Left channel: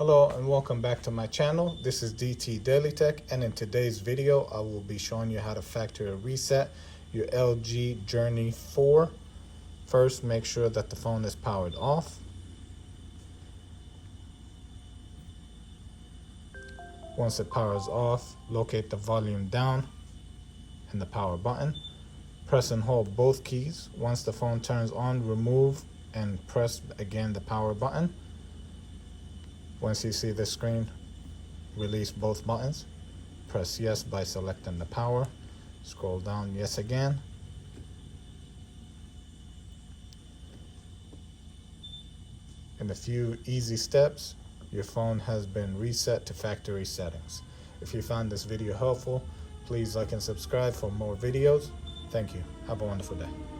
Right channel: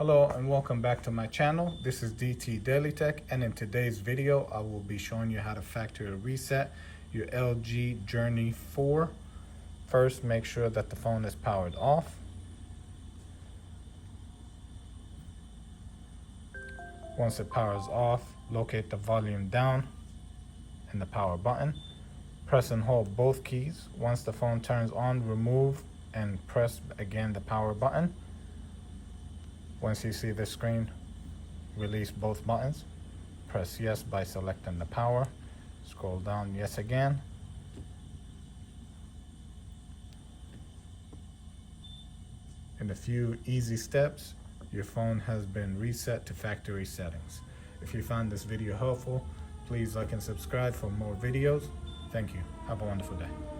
Hello and welcome back to my channel. This is DailyTech, and in today's video I will be showing you how to factory reset your LG Journey 4. First, make sure that the phone is powered off. Once it powers off, locate the volume down and the power button. Press and hold both keys. Once the phone turns on, remove and press again the power button. Once you see this screen, release both buttons. Press yes by selecting the power. Scroll down, yes again. In a few easy steps, your phone has been reset to factory settings. If you found this video helpful, please like and subscribe for more videos. Thank you. Have a wonderful day.